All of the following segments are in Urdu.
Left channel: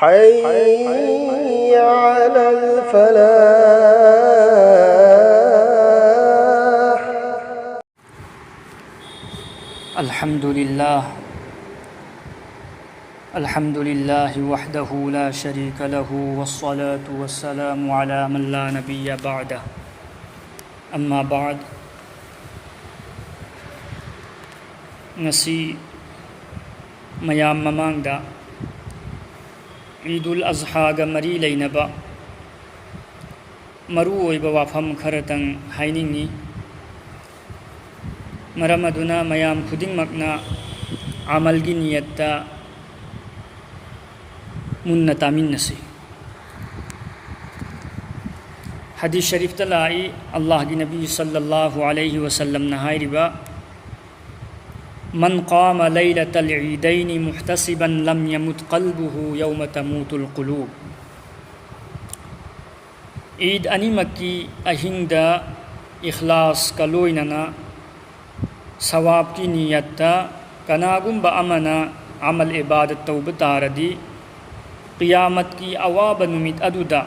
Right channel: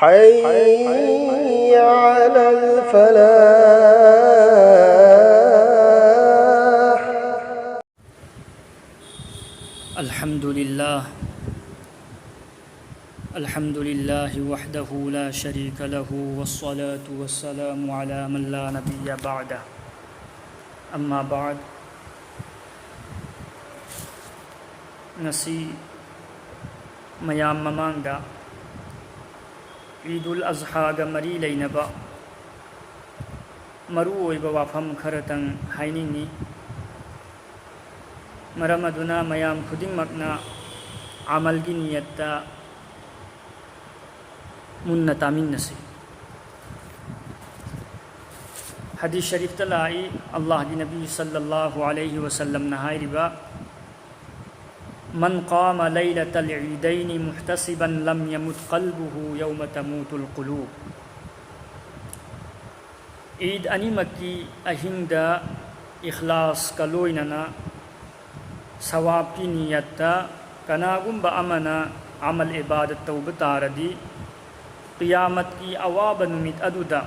حي على الفلاح. الحمد لله وحده لا شريك له والصلاة والسلام على من لا نبي بعده أما بعد. ngasi mayam mamangda Eidul Azha ga mari leinaba maru oiba wafam kharatang hainingni. Maram aduna mayam khudingmakna amalgi niyatta munna taminnasi. Hadith Sharif talai Allah gi Nabi sallallahu alayhi wa sallam na hairiba من قام ليلة العيدين محتسبا لم يمت قلبه يوم تموت القلوب. عيد أنيمكي أهندا إخلاص كلويننا ثواب کی نیتا کناگم بأمنا عمل عبادت توبہ تاردی قیامت کی اواب نمید ادودا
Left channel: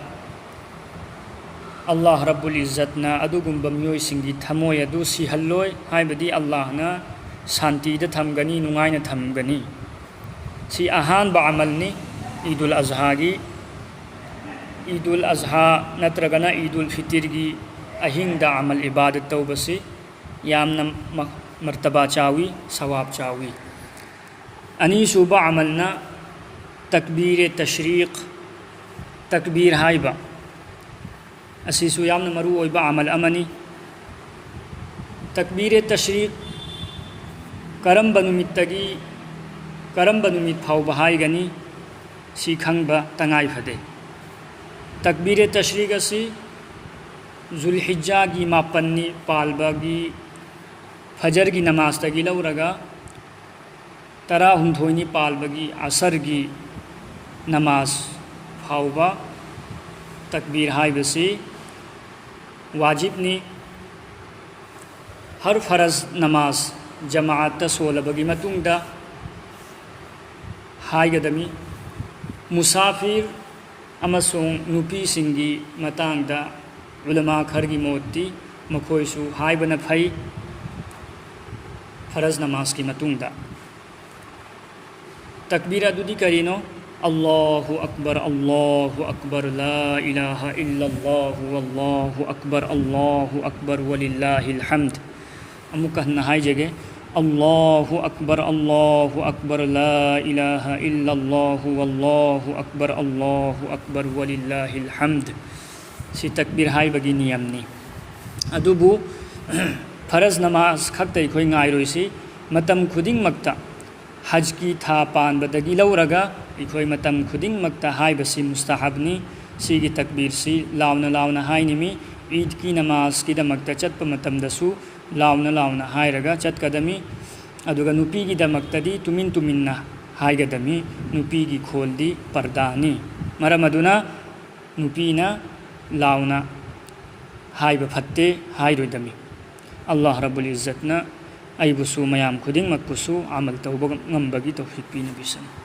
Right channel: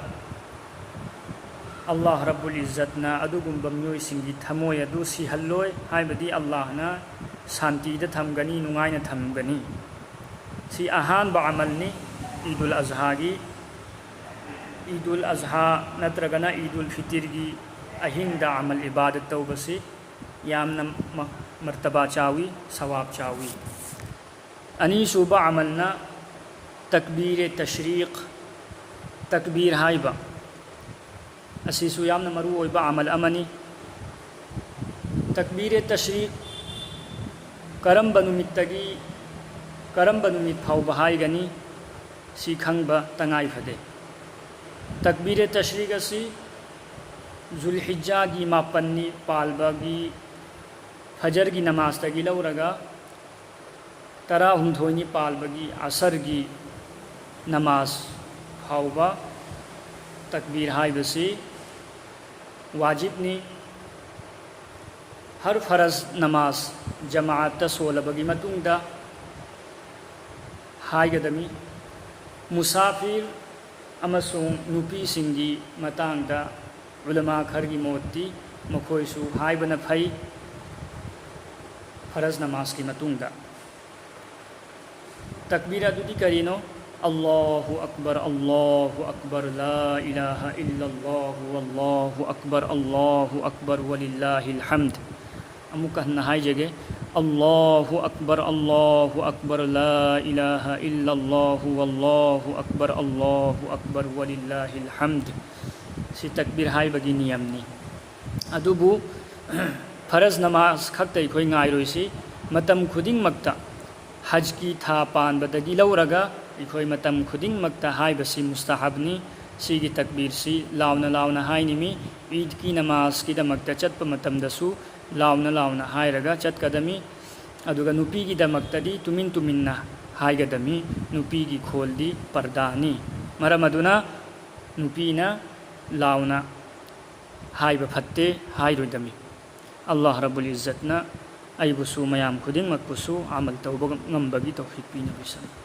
اللہ رب العزتنا ادوگم بمیوی سنگی تھموی ادو سیحلوی ہائی بدی اللہ نا سانتی دا تھمگنی نغائن تھمگنی. سی اہان با عملنی عید الاضحیٰ گی. عید الاضحیٰ نترگنا عید الفطر گی اہین دا عمل عبادت توبہ سی یامنا مرتبہ چاوی ثواب چاوی. انیسو با عملنا تکبیر تشریق تکبیر ہائبہ اسیسو یامنا مرو با عمل امنی. تکبیر تشریق کرم بنومیتگی کرم بنومیت پھاو بہائی گنی سی کھنگ با تنگائی فدے. تکبیر تشریق اسی ذوالحجہ گی ماپنی پالبا گی فجر کی نماز تگی لو رگا ترا ہندھوینی پالبا گی عصر کی نماز پھاو با تکبیر ہائی بسی واجب نی. ہر فرض نماز جماعت تسول بگی متون دا ہائی گدمی. مسافر امسون نوپی سنگی متان دا علماء کھرگی موتی مکھویسو ہائی بنفائی فرض نماز کی متون دا. تکبیرہ دودی کرینو اللہ اکبر لا الہ الا اللہ واللہ اکبر وللہ الحمد. امکہ نہائی جگہ اللہ اکبر لا الہ الا اللہ واللہ اکبر وللہ الحمد. سی تکبیر ہائی بگی نیمنی. ادوبو فرض نماز کھکتے کوئی نگائی رویسی متم خودنگ مکتا حج کی تھا پان بدگی لو رگا اکوئی متم خودنگ مکتا ہائی بسی مستحبنی. سی کی تکبیر سی لاؤنا ہائی نمی عید کی نماز کی دمکتا چت پا متم دسو لاؤنا ہائی رگا چت قدمی. ادوگا نوپی کی دمکتا دی تمن ہائی گدمی نوپی کی کھول دی پردانی. مرم ادونا نوپینا لاؤنا ہائی بپھتے ہائی روی دمی. اللہ رب العزتنا ای بسو میام خودنگ مکبسو عمل توبہ غمبگی توفیق پی نبی صلی